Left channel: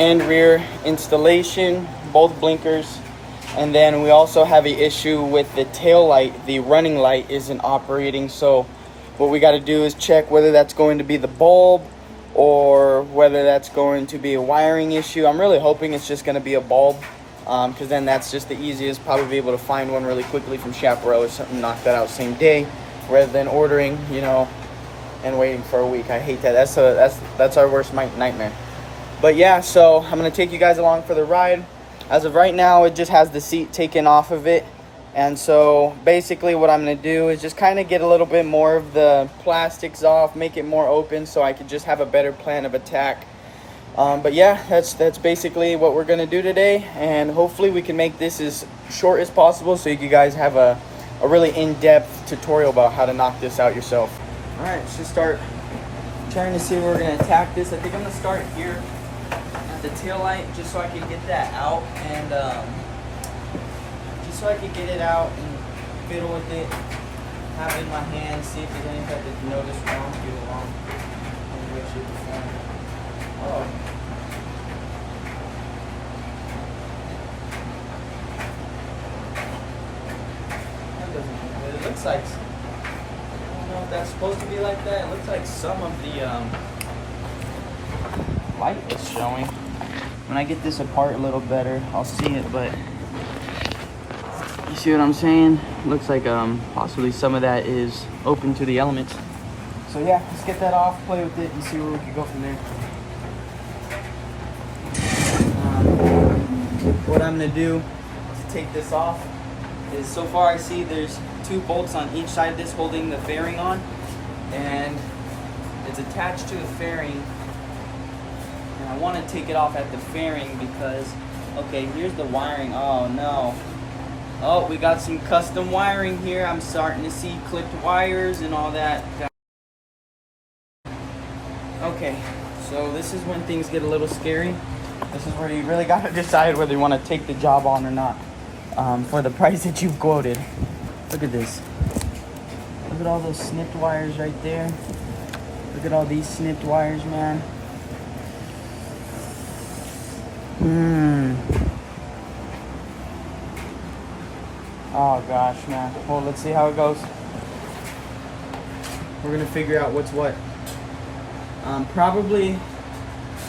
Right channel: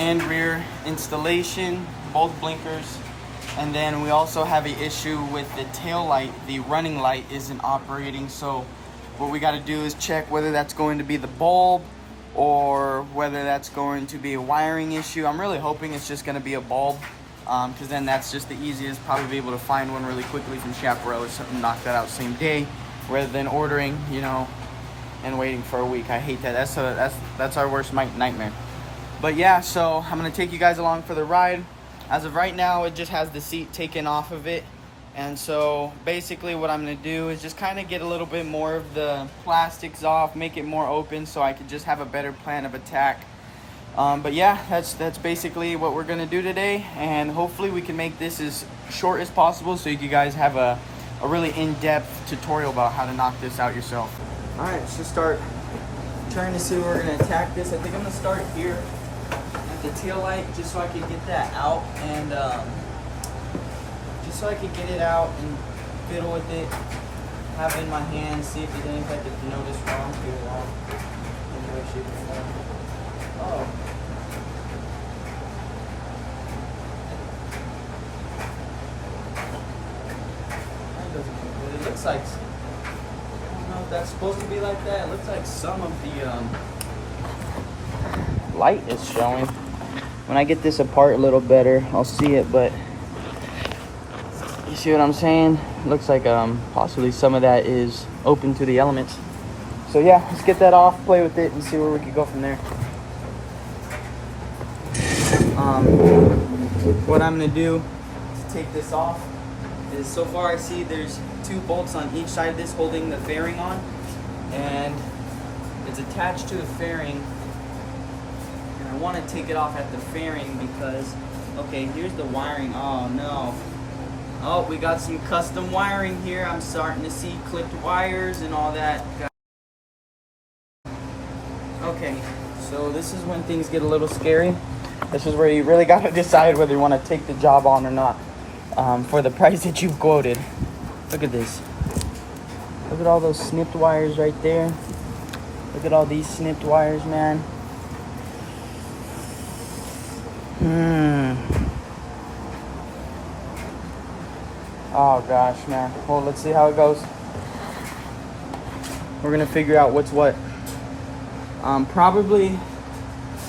and rear installation, both blinkers. And then we also have an issue with the tail light. The running light isn't operating, so what we got to do is check whether that's going to be the bulb or whether that's going to be a wiring issue. I'm really hoping it's just going to be a bulb, because then that's just the easiest. Probably be able to find one really quickly from Chaparral or something, knock that out same day, rather than ordering, you know, and waiting for a week. I hate that. That's our worst nightmare. But yeah, so I'm gonna take you guys along for the ride. As of right now, it just has the seat taken off of it. And so basically what I'm gonna do is just kind of get a little bit more of the plastics off, make it more open so I could just have a better plan of attack. But yeah, that's basically what we're gonna do today. And hopefully we can make this as short as possible so you guys have a really in-depth tutorial about how to knock this out yourself. All right, let's just start trying to see where we're gonna attack this. I think I'm gonna start here at the tail light, just so I can get that out, and just so I can get it out and fiddle with it, have it in my hand, see if there's anything I could notice wrong, feel wrong, any way, shape, or form. Oh. That doesn't look good. It looks like, I don't know if that's supposed to be like that. It looks like some of the light is showing. When I get this apart a little better, I'll see it, but you see what I'm saying? It looks like possibly some of that is open to the elements. So yeah, let's get that off, play with it, and see where we can go from there. What I'm gonna do to take this off is, so far I see there's 2 bolts on each side of this holding the fairing on, and it's attached to the fairing. And I want to take it off at the fairing because, okay, here's the wiring. Oh no. Oh, we got some custom wiring here. I'm starting to see clipped wires and all that. Okay, so this is when things get a little scary. This is where you really got to decide whether you want to take the job on or not, for the price that you've quoted. Look at this. Look at all those snipped wires right there. Look at all these snipped wires, man. Oh gosh, man. Well, let's see how it goes. We're gonna figure out what's what. Probably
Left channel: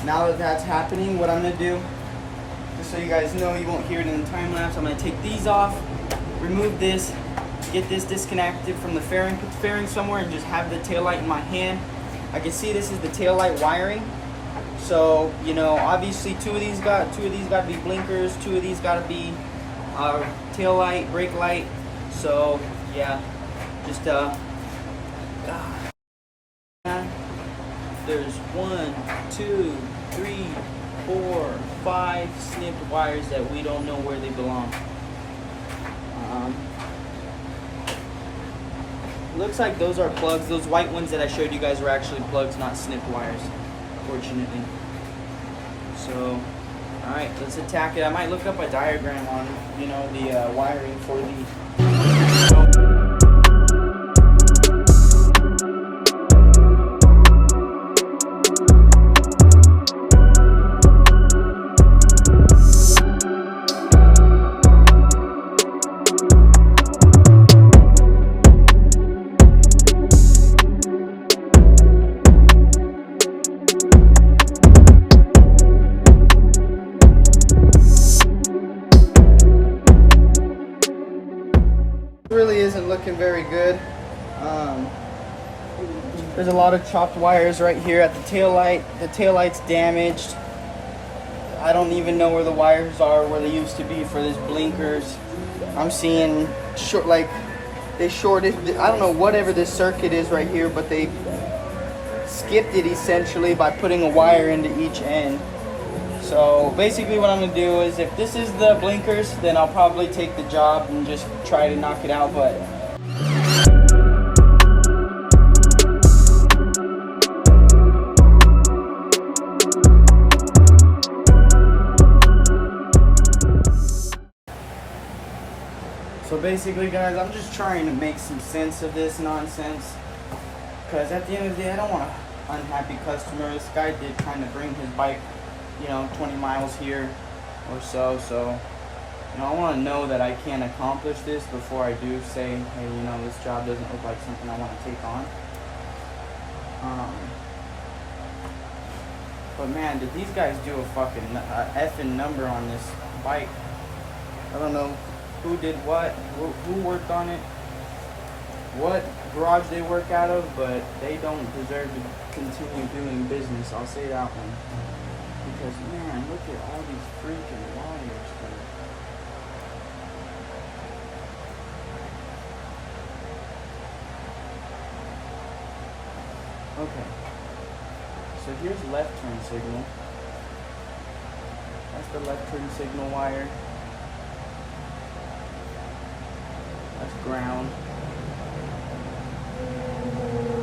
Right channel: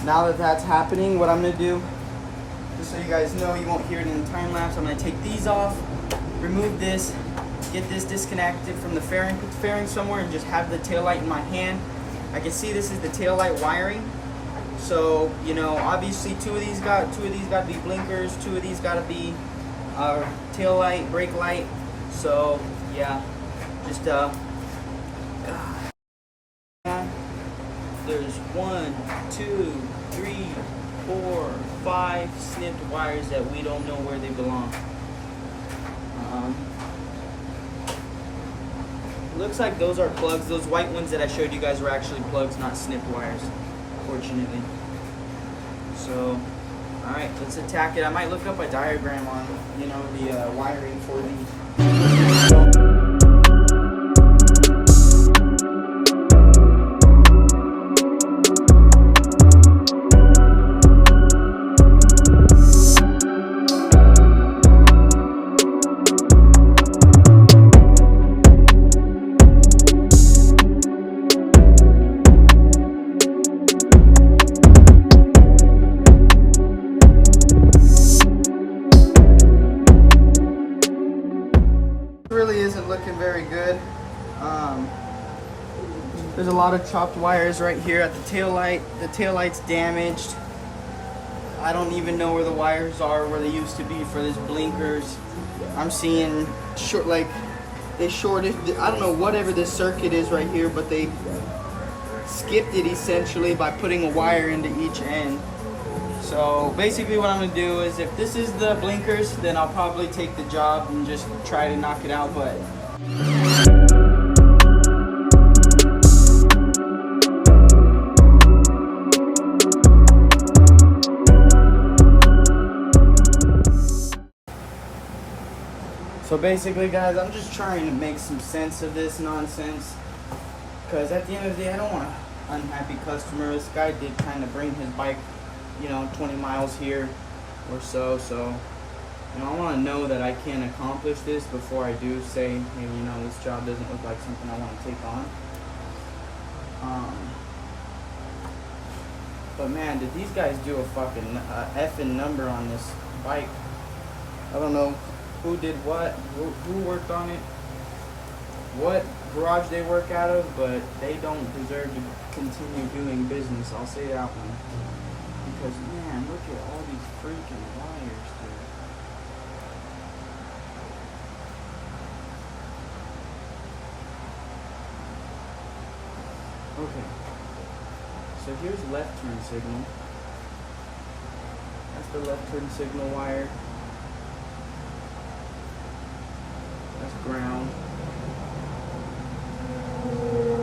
now that that's happening, what I'm gonna do, just so you guys know, you won't hear it in the time lapse, I'm gonna take these off, remove this, get this disconnected from the fairing, put the fairing somewhere, and just have the taillight in my hand. I can see this is the taillight wiring. So, you know, obviously two of these got to be blinkers, 2 of these got to be tail light, brake light. So yeah, just there's 1, 2, 3, 4, 5 snipped wires that we don't know where they belong. Looks like those are plugs. Those white ones that I showed you guys were actually plugs, not snipped wires, fortunately. So, all right, let's attack it. I might look up a diagram on, you know, the wiring for the. Really isn't looking very good. There's a lot of chopped wires right here at the tail light. The tail light's damaged. I don't even know where the wires are, where they used to be for these blinkers. I'm seeing short, like they shorted, I don't know whatever this circuit is right here, but they skipped it essentially by putting a wire into each end. So basically what I'm gonna do is, if this is the blinkers, then I'll probably take the job and just try to knock it out, but so basically guys, I'm just trying to make some sense of this nonsense, because at the end of the day, I don't want an unhappy customer. This guy did kind of bring his bike you know, 20 miles here or so. So, you know, I want to know that I can accomplish this before I do say, hey, you know, this job doesn't look like something I want to take on. But man, did these guys do a fucking effing number on this bike. I don't know who did what, who worked on it, what garage they work out of, but they don't deserve to continue doing business. I'll say that one. Because man, look at all these freaking wires, dude. Okay. So here's left turn signal. That's the left turn signal wire. That's ground.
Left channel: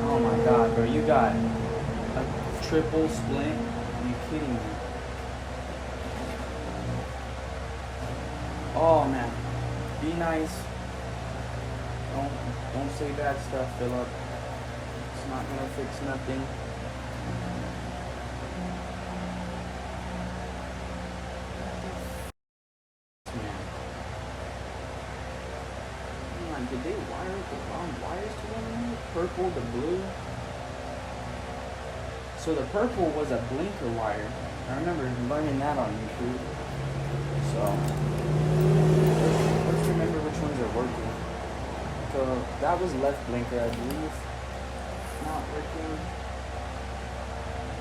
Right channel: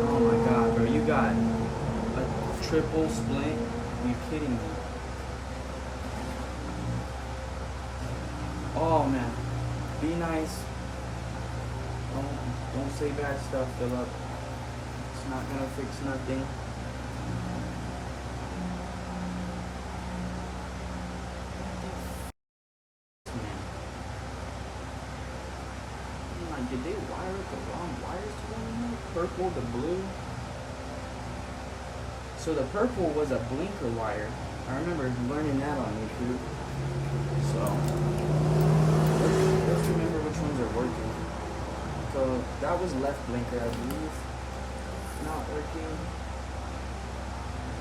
Oh my god, bro, you got a triple splint? Are you kidding me? Oh man, be nice. Don't say bad stuff, Philip. It's not gonna fix nothing. Did they wire up the wrong wires to one another? Purple to blue. So the purple was a blinker wire. I remember learning that on YouTube. So let's remember which ones are working. So that was left blinker, I believe. Not working.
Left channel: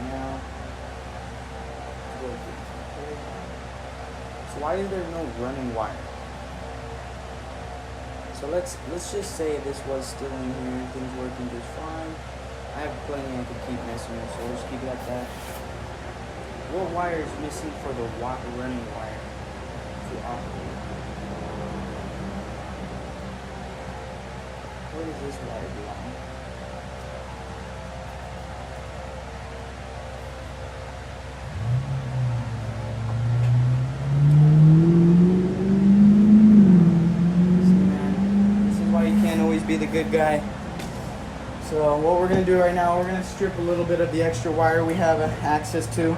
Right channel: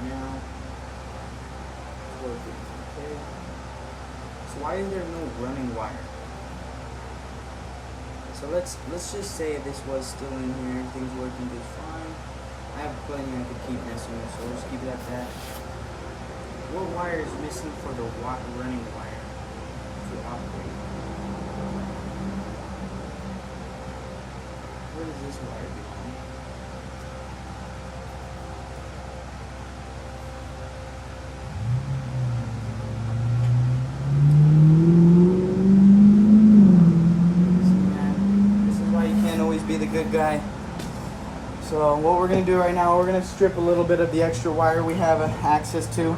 Now working. Okay. So why is there no running wire? So let's just say this was still in here, everything's working just fine. I have plenty I could keep messing with, so we'll just keep it at that. What wire is missing for the running wire to operate? Where does this wire belong? Be the good guy. So what we're gonna do right now, we're gonna strip a little bit of the extra wire we have access to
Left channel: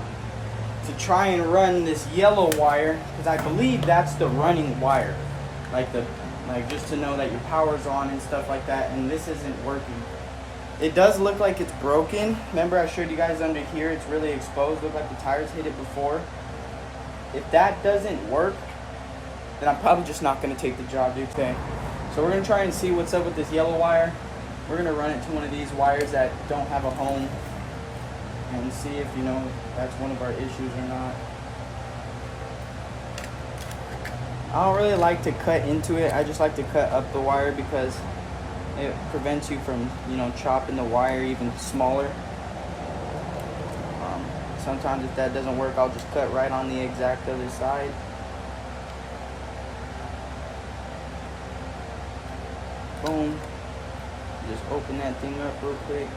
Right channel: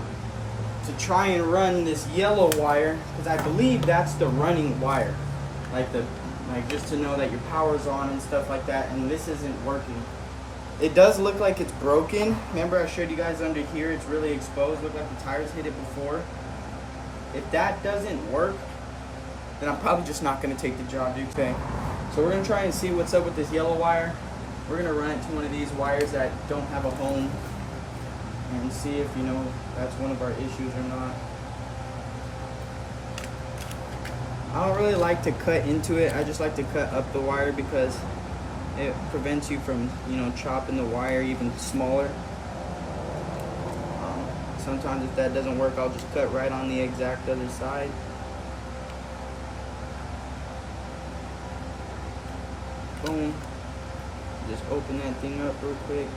try and run this yellow wire, because I believe that's the running wire, like just to know that your power's on and stuff like that. And this isn't working. It does look like it's broken. Remember I showed you guys under here, it's really exposed. Look like the tires hit it before. If that doesn't work, then I'm probably just not gonna take the job, dude. Okay. So we're going to try and see what's up with this yellow wire. We're going to run it to one of these wires that don't have a home and see if, you know, that's one of our issues or not. I don't really like to cut into it. I just like to cut up the wire because it prevents you from, you know, chopping the wire even smaller. Sometimes if that doesn't work, I'll just cut right on the exact other side. Boom. Just open that thing up real quick.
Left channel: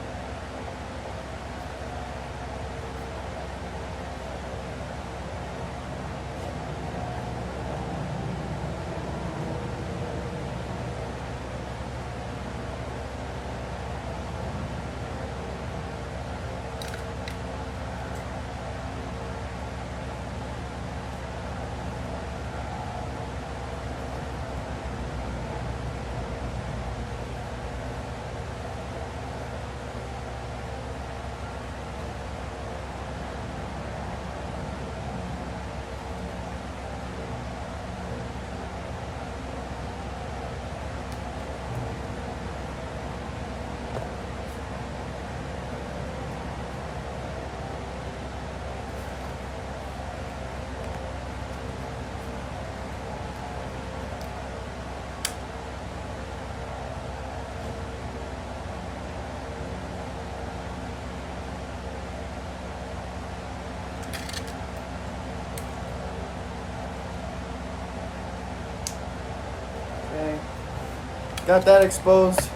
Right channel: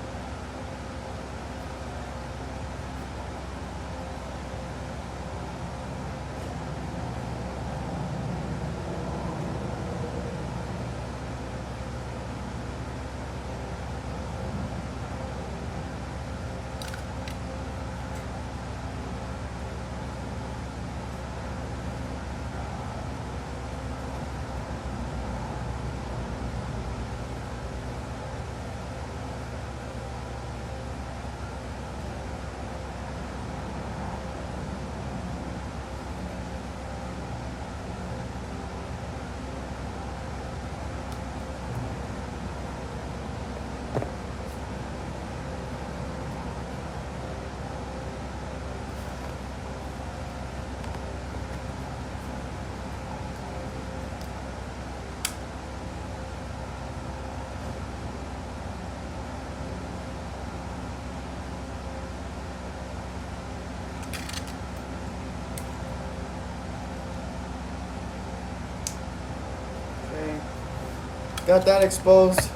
Got that exposed.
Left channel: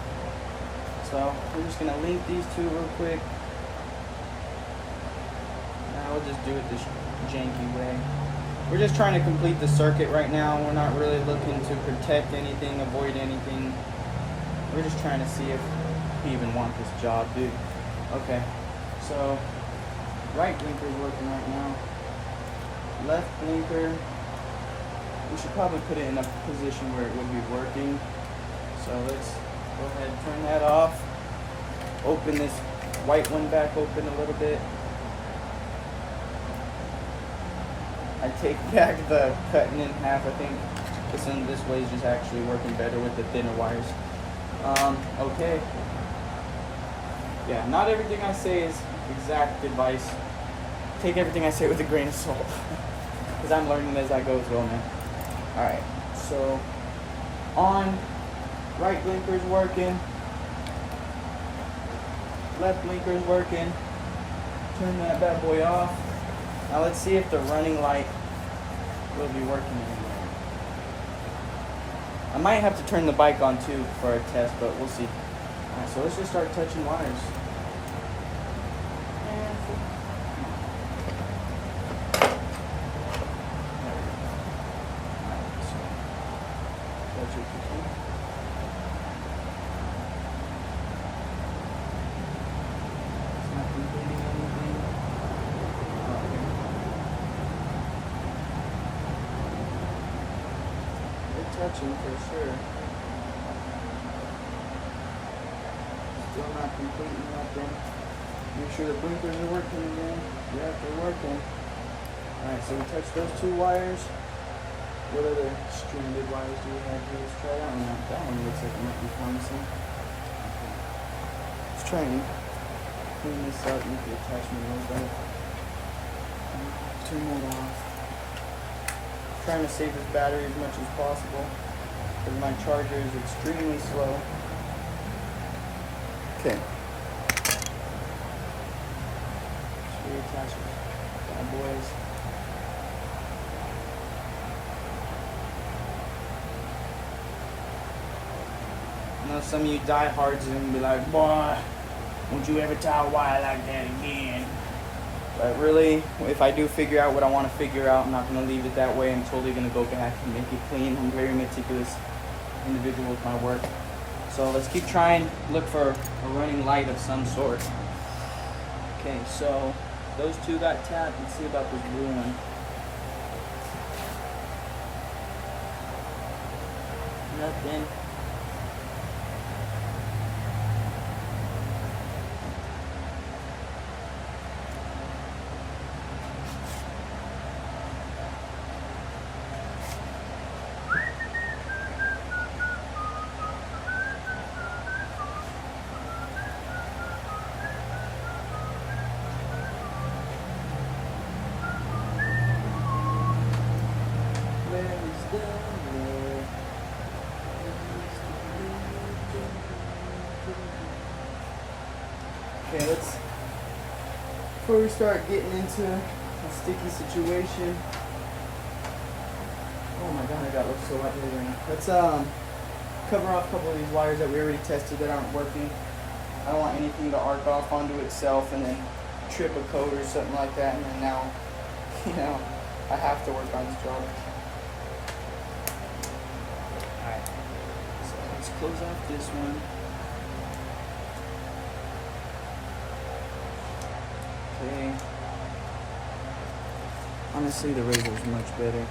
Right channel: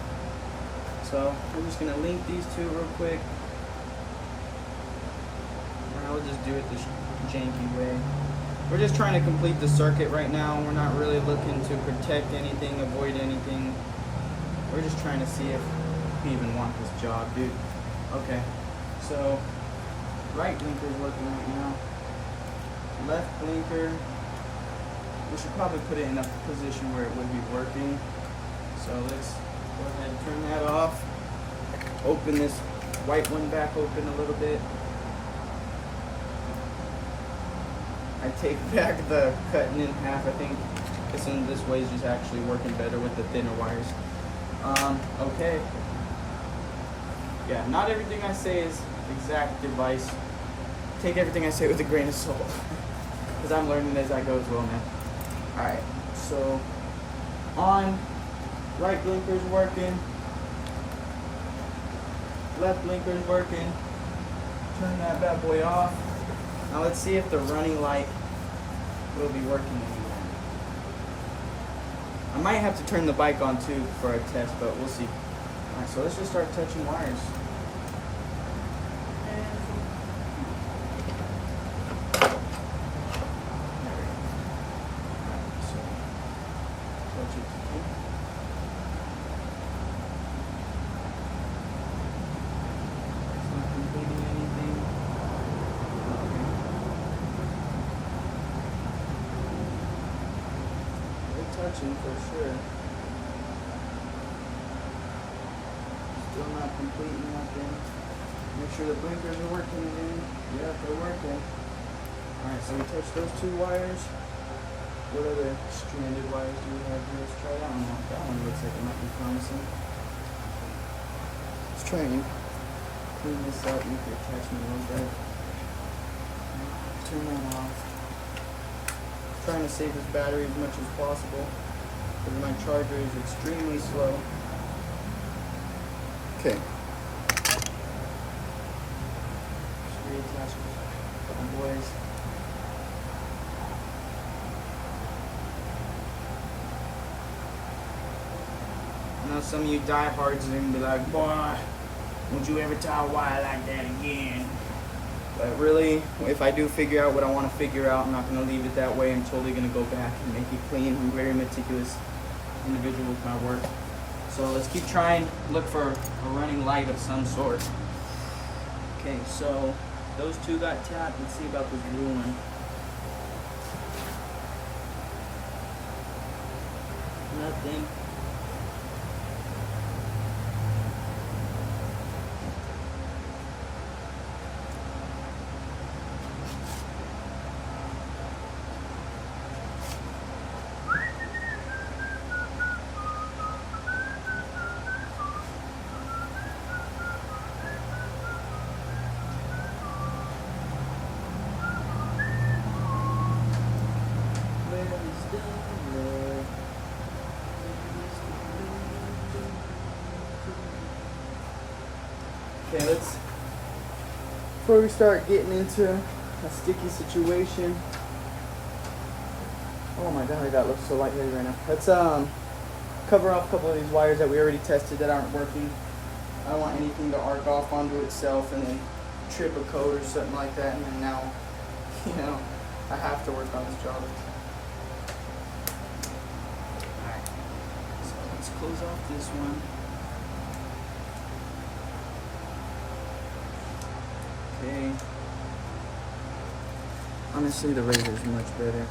So we're just gonna link these two real quick. We'll just do it this janky way. We're just trying to complete the circuit right now. We're not really looking to protect anything, avoid anything. We're just trying to see if we even want this job, dude. Okay, so right blinker's working right now. Left blinker, we should probably put it in a position where it would be working. So let's go ahead and turn that off. Open this white one back open a little bit. I take back the cutting in half. I think this way is just actually working better with the thinner wires. Okay. Yeah, not everything I say is exact advice. Take everything I say with a grain of salt. Because I'm learning as I go as well, man. Alright, so on, right blinker's working. Left blinker's working. Turn that bad boy off. Now let's see if the running light will be working anymore. I might have to turn the bike on too for a test, but we'll see. Alright, so let's just start touching wires. Touching for sure. Still not completing nothing. Make sure the blinkers are working again. Yeah, they're working. Alright, so we touched those two wires. What other stranded wires do we have here? Let's try that one out. That one looks like it might be promising. Okay. Let's try and clean this up, make the attachment a little better. Turn that off. Trying to save this battery as much as possible because my charger is extremely slow. Okay. Reattach bad boys. Now some of you diehards are gonna be like, boy, won't you ever tie a wire like that again? But really, if I do figure out what I want to figure out, I'm not going to leave it that way. I'm totally going to go back and make it clean. I'm a very meticulous individual with my work. So let's keep trying, look for a running light of some sort. Okay, so those two got tapped. Let's see about this blue one. Nothing. Okay, before we start getting into a sticky situation. Oh my god, that looks so lightheaded right now. Let's cover up a couple of these wires that we already tested that aren't working. I don't want anything to arc off onto itself and then trip a code or something like that, and then now, you know, I have to work on this job. Alright, so let's close off this one. Okay. Honestly, the razor is much better.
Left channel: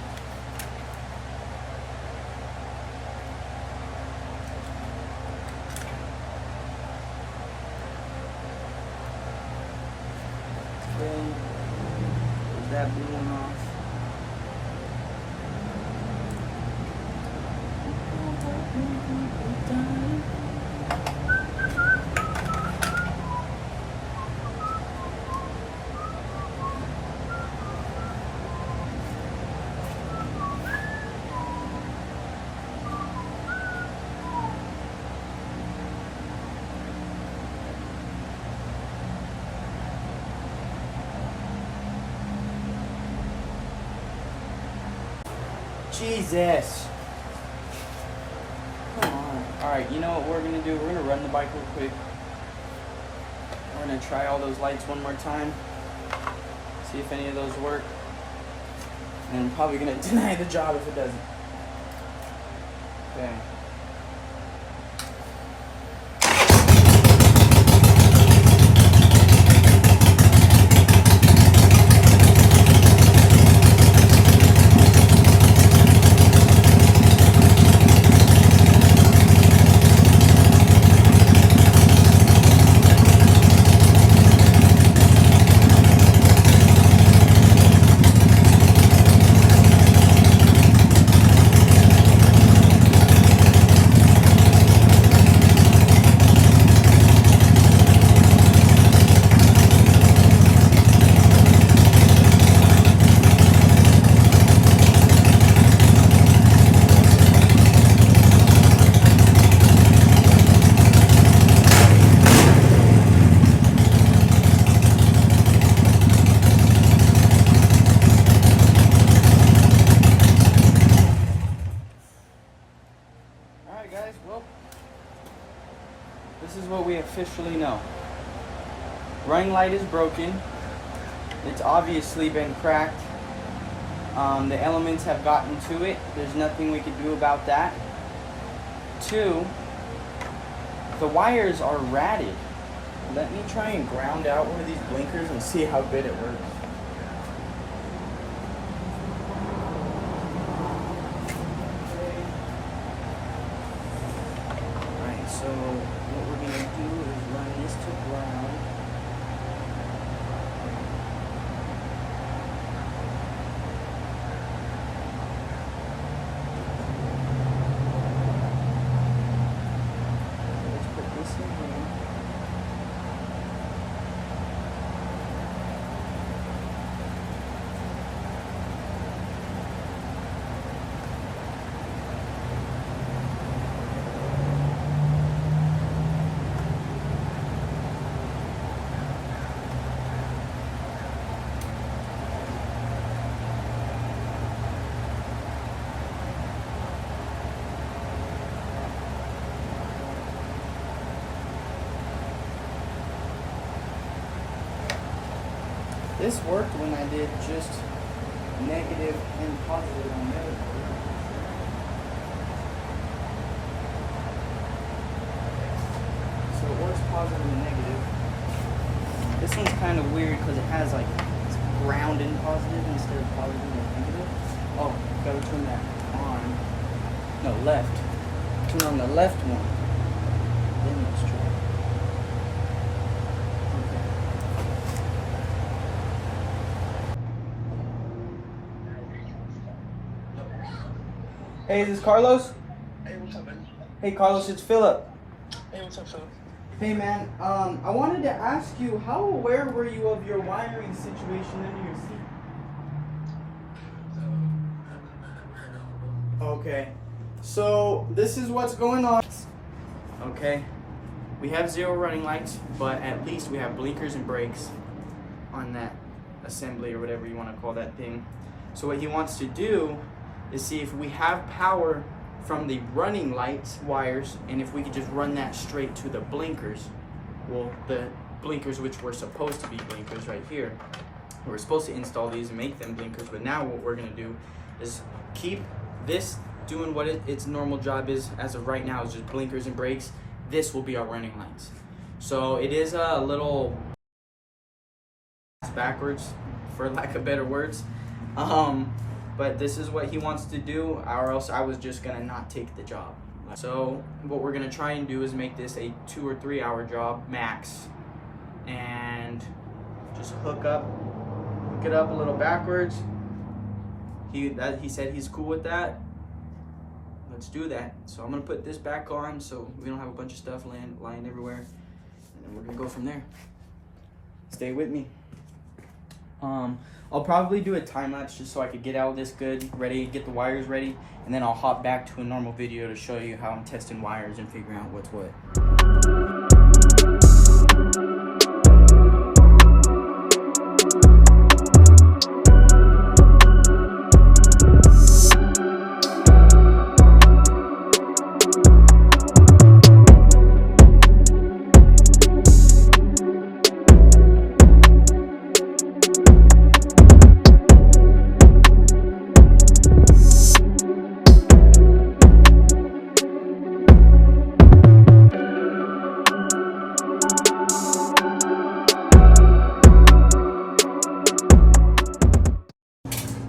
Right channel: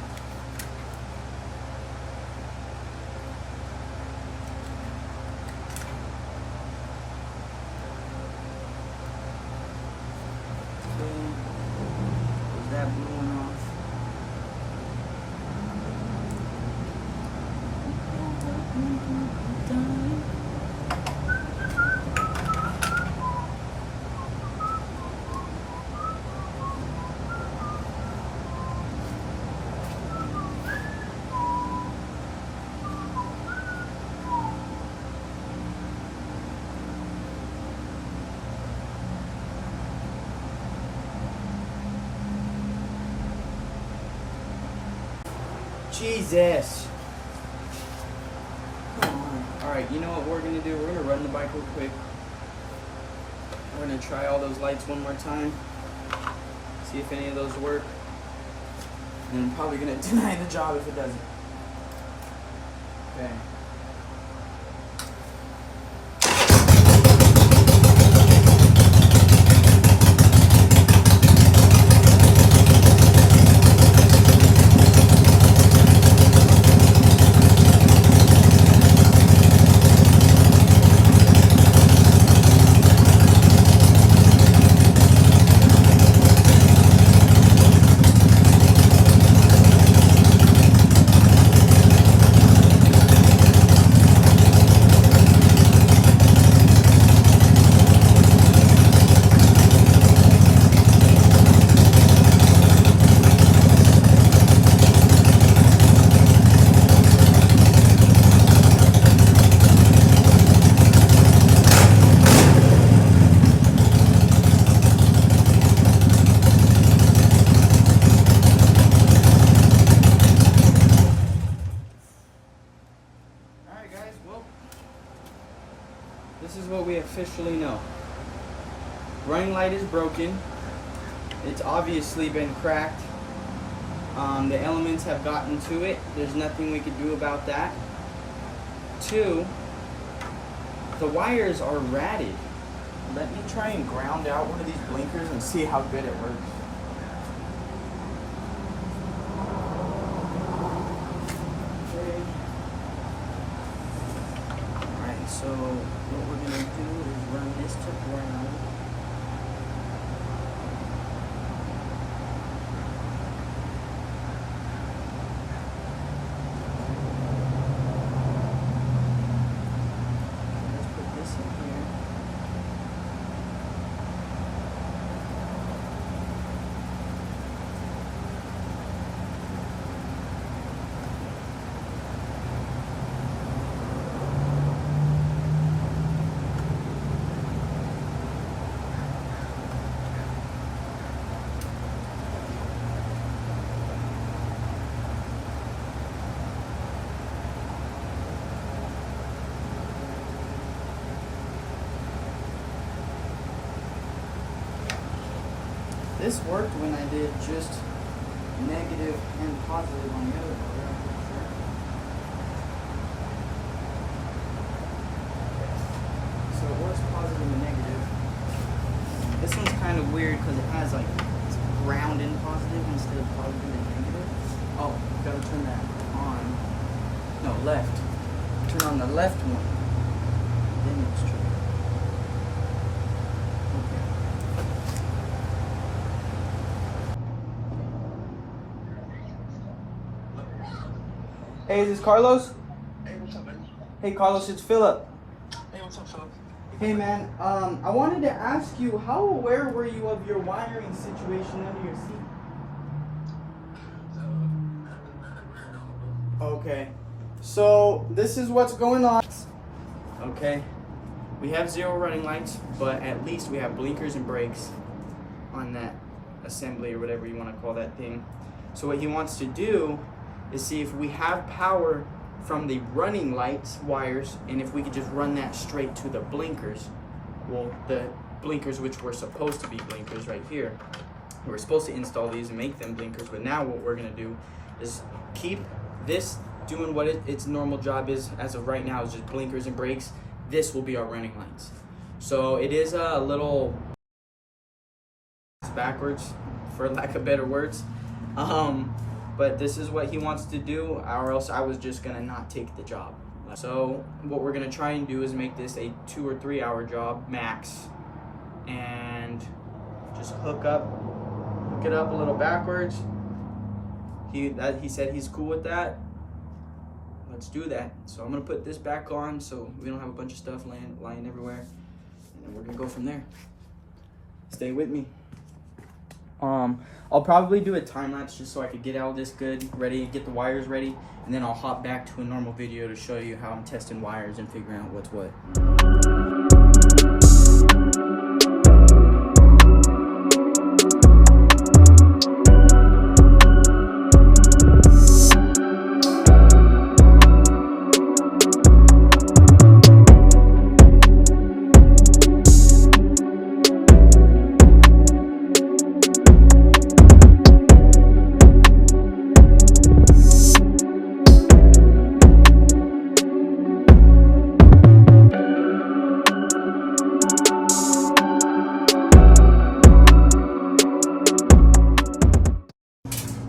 Okay. Put that blue one off. Jesus. Come on. Alright, you know what we're going to do? We're going to run the bike real quick. We're going to try all those lights one more time. See if any of those work. And I'm probably going to deny the job if it doesn't. Okay. officially no. Running light is broken. It's obviously been cracked. The elements have gotten to it. There's nothing we could do about that. 2, the wires are ratted. Let me try and ground out one of these blinkers and see how good it works. Alright, so what we're gonna do is run this to ground. This worked when I did just negative and positive on the other motor. So it works positive and negative. This one's kind of weird because it has like it's ground in positive instead of positive and negative. Oh, gotta turn that on. No, left. Turn on the left one. Then it's true. Hey, is this Carlos? Hey, what's up, man? Hey, Carlos, it's Philip. Hey, what's up, Philip? Hey, man, I wanted to ask you, how aware were you of your wiring situation under your seat? Okay, so this is what's going on. Okay, we have 0 running lights, but at least we have blinkers and brakes on that assembly or whatever you want to call that thing. So what he wants to do is see if we have power from the running lights wires and if we could just run that straight to the blinkers. Well, the blinkers which were supposed to be blinkers right here. We were supposed to install these and make them blinkers, but now what we're gonna do is keep this doing what its normal job is as of right now, is just blinkers and brakes. This will be our running lights. So it is a little backwards, for lack of better words. But this is what he wants to do, or else I was just gonna not take the job. So what we're gonna try and do is make this a 2 or 3 hour job max, and just hook it up a little backwards. He said he's cool with that. Let's do that. So I'm gonna put this back on so we don't have a bunch of stuff lying everywhere, and then we're gonna go from there. Stay with me. I'll probably do a time lapse just so I could get all this good, ready, get the wires ready, and then I'll hop back to a normal video to show you how I'm testing wires and figuring out what's what.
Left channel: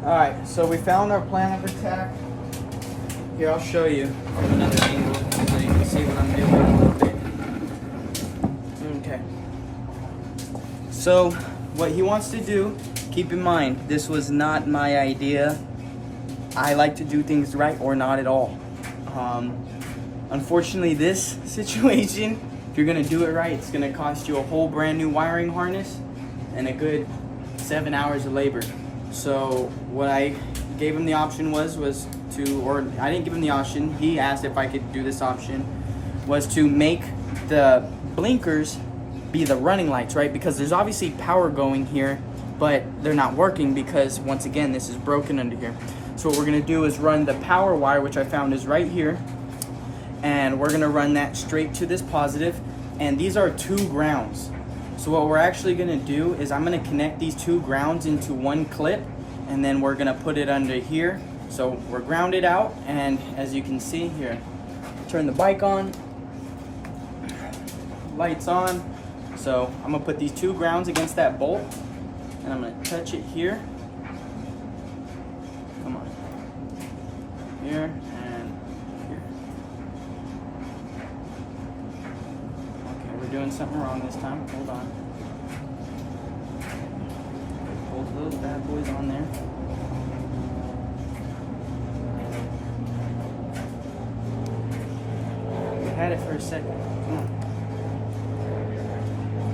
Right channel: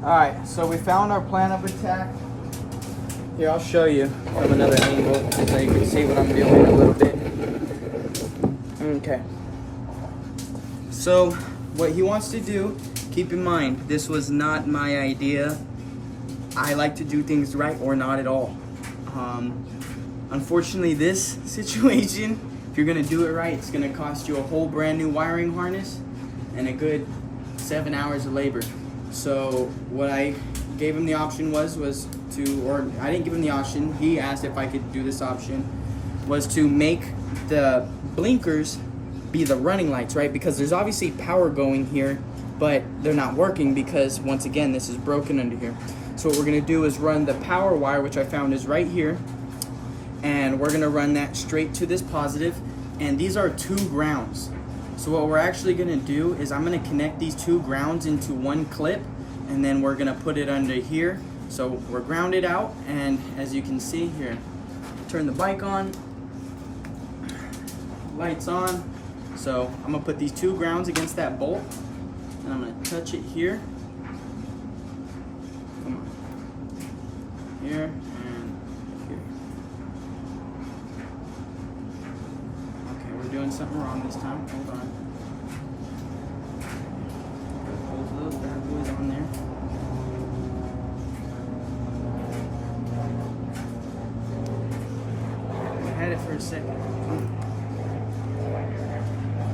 Alright, so we found our plan of attack. Here, I'll show you from another angle so you can see what I'm doing a little bit. Okay. So, what he wants to do, keep in mind, this was not my idea. I like to do things right or not at all. Unfortunately, this situation, if you're going to do it right, it's going to cost you a whole brand new wiring harness and a good 7 hours of labor. So what I gave him the option was to, or I didn't give him the option, he asked if I could do this option, was to make the blinkers be the running lights, right? Because there's obviously power going here, but they're not working because, once again, this is broken under here. So what we're gonna do is run the power wire, which I found is right here, and we're gonna run that straight to this positive. and these are 2 grounds. So what we're actually gonna do is I'm gonna connect these 2 grounds into one clip, and then we're gonna put it under here. So we're grounded out, and as you can see here, turn the bike on, lights on. So I'm gonna put these 2 grounds against that bolt, and I'm gonna touch it here. Come on. Here and here. Okay, we're doing something wrong this time. Hold on. Put both of those bad boys on there. We had it for a second. Come on.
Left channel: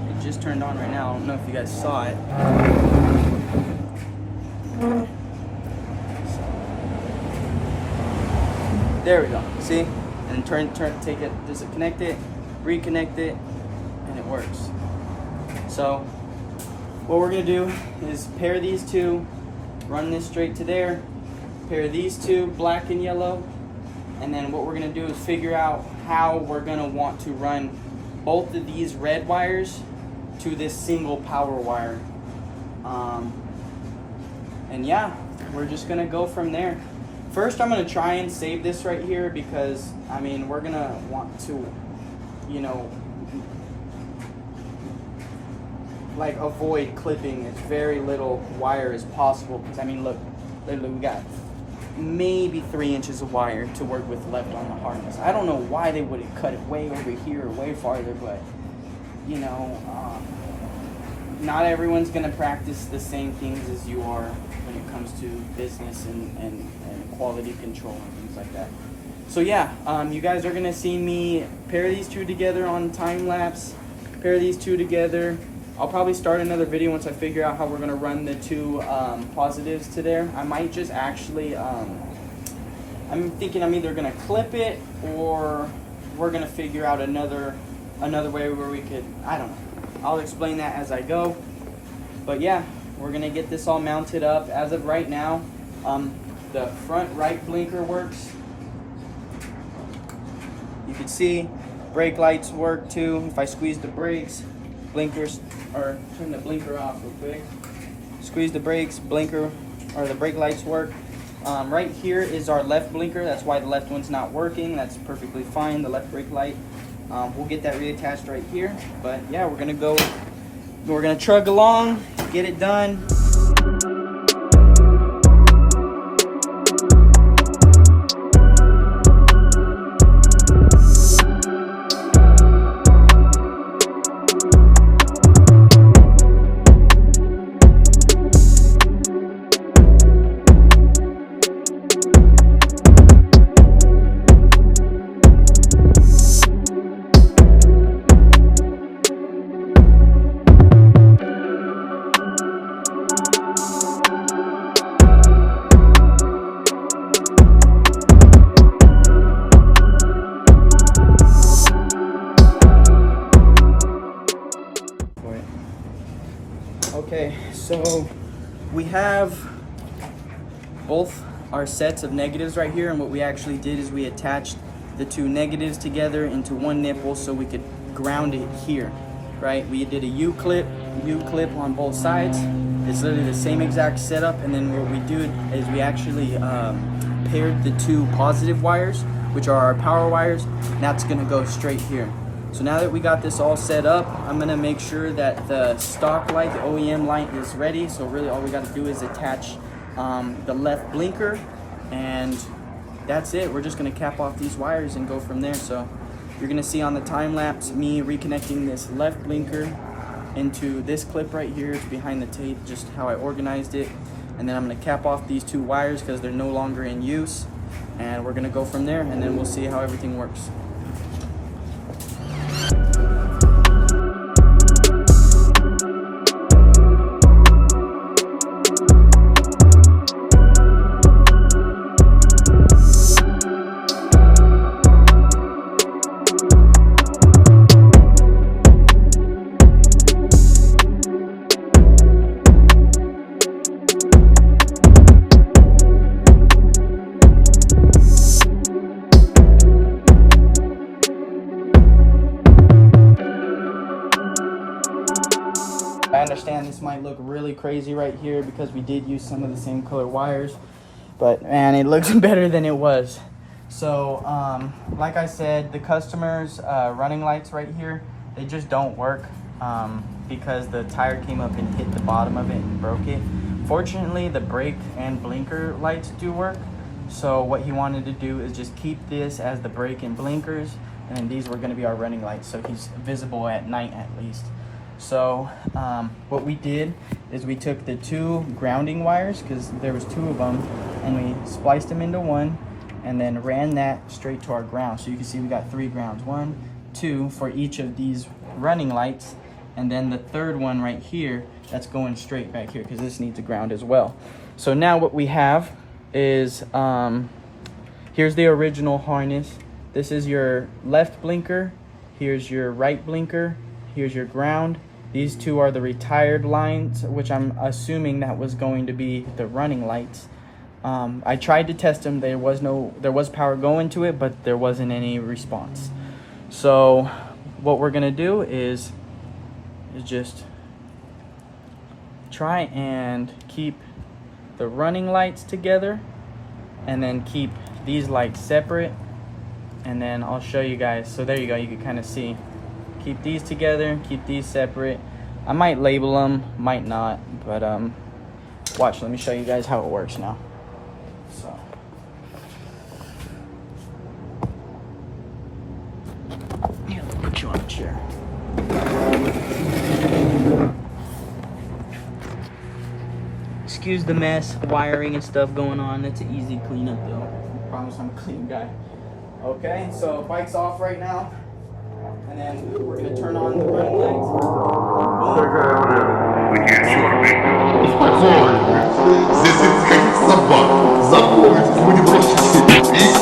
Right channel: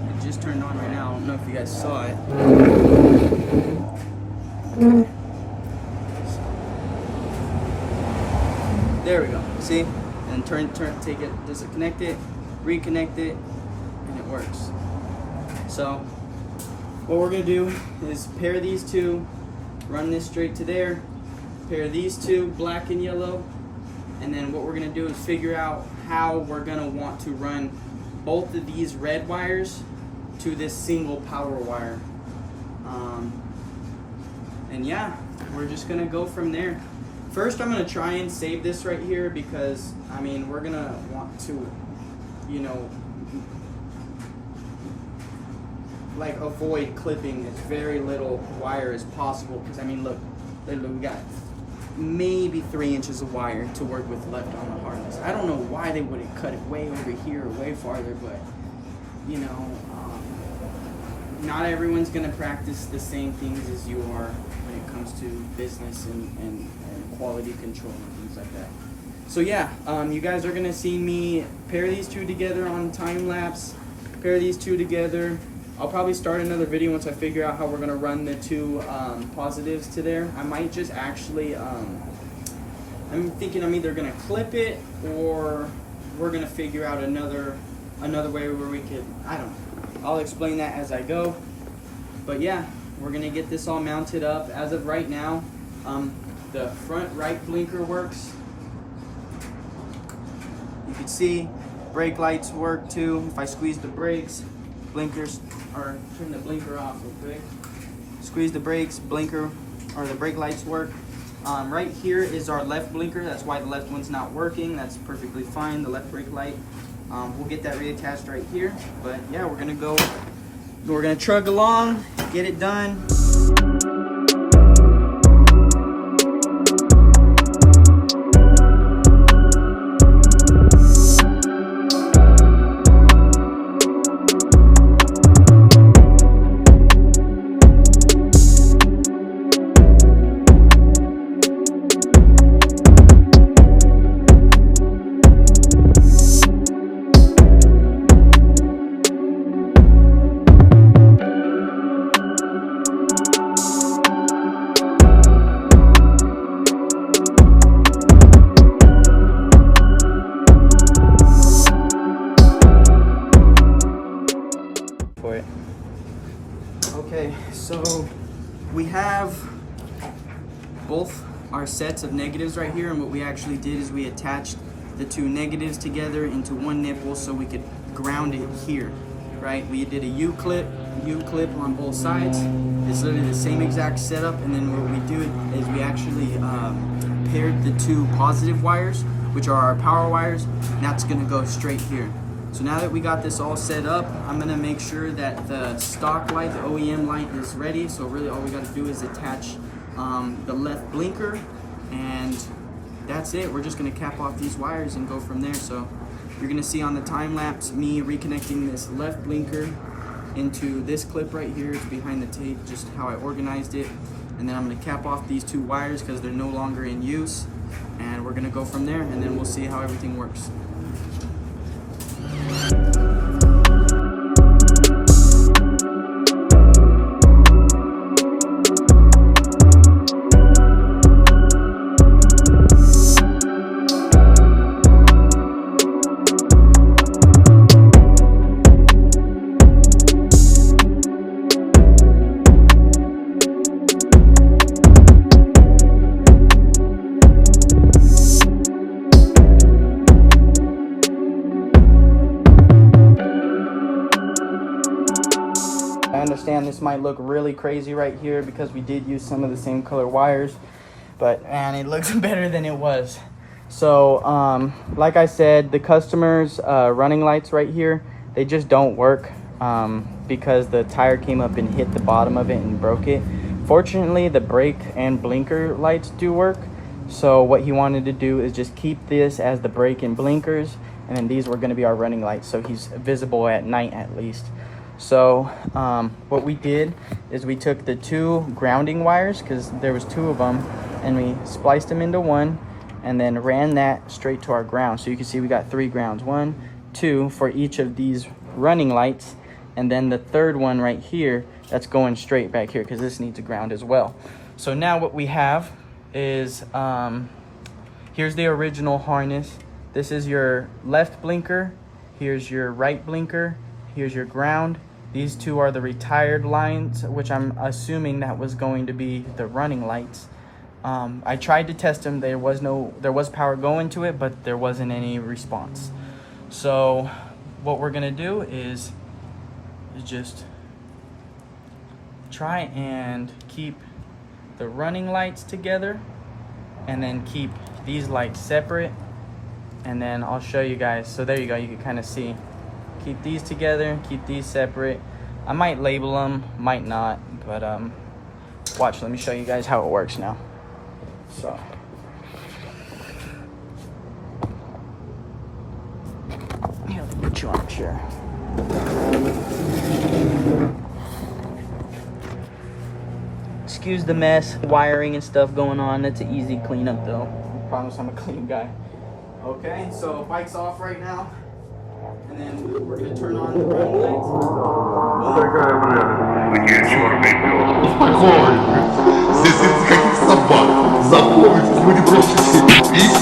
It just turned on right now. I don't know if you guys saw it. There we go. See? And take it, disconnect it, reconnect it, and it works. So what we're gonna do is pair these 2, run this straight to there, pair these 2, black and yellow, and then what we're gonna do is figure out how we're gonna want to run both of these red wires to this single power wire. And yeah, we're just gonna go from there. First, I'm gonna try and save this right here because, I mean, we're gonna want to, you know, like avoid clipping as very little wire as possible. Because, I mean, look, literally we got maybe 3 inches of wire to work with left on the harness. I don't know why they wouldn't cut it way over here or way farther, but, you know, not everyone's gonna practice the same things as you are when it comes to business and quality control and things like that. So yeah, you guys are gonna see me pair these 2 together on time lapse, pair these 2 together. I'll probably start another video once I figure out how we're gonna run the 2 positives to there. I might just actually, I'm thinking I'm either gonna clip it or we're gonna figure out another way where we could, I don't know. I'll explain that as I go. But yeah, we're gonna get this all mounted up. As of right now, the front right blinker works. You can see brake lights work too. If I squeeze the brakes, blinkers, or turn the blinker off real quick. Squeeze the brakes, blinker, or the brake lights work. Right here is our left blinker. That's why the left one's not working. That's perfectly fine, the left brake light. We'll get that reattached right here. But yeah, we're gonna chug along, get it done. Okay, so we have both our sets of negatives right here, and what we actually did is we attached the 2 negatives together into one nipple so we could ground it here, right? We did a U-clip on both sides. It's literally the same exact setup, and then what we do is we actually paired the 2 positive wires, which are our power wires, and that's gonna go straight here. So now that we got this all set up, I'm gonna make sure that the stock light, the OEM light, is ready. So really all we gotta do is attach the left blinker, and that's it. We're just gonna cap off these wires and go from there. So you're gonna see on the time lapse me reconnecting this left blinker into this clip right here. It's behind the tape, just how I organized it. And then I'm gonna cap off these 2 wires because they're no longer in use. And we're gonna go from there, and then we'll see how everything works. look really crazy right here because we did use some of the same color wires, but man, it looks better than it was. So like I said, the customer's running lights right here, they just don't work because the tire came up and hit the bottom of it and broke it. Fortunately, the brake and blinker lights do work. So what he wanted to do is just keep this as the brake and blinkers, and then these were going to be our running lights, so he's visible at night at least. So what we did is we took the 2 grounding wires, because there was 2 of them, and we spliced them into one and then ran that straight to our ground. So you can see we got 3 grounds, 1, 2 for each of these running lights, and then the 3rd one right here that's going straight back here because this needs a ground as well. So now what we have is here's the original harness. This is your left blinker, here's your right blinker, here's your ground. These 2 are the retired lines, which I'm assuming that was going to be the running lights. I tried to test them. There was power going to it, but there wasn't any response. So what we're gonna do is just try and keep the running lights together, and then keep these lights separate, and then I'll show you guys. So there you go, you can kind of see. Keep these together, keep these separate. I might label them, might not, but watch, let me show you guys how it works now. So yeah, let me put you on a chair. Excuse the mess, wiring and stuff going on. That's an easy cleanup though. I promise I'm a clean guy. Okay, so bike's off right now. And then we're gonna turn on the running lights. Такая время. Где черный пес? Успокойтесь. Здесь нет никаких собак. Запомните, мы не бросите пить.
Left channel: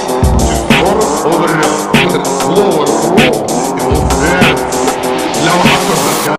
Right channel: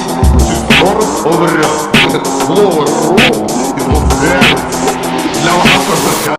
Скоро умрет. Слово ру, его смерть. Для вас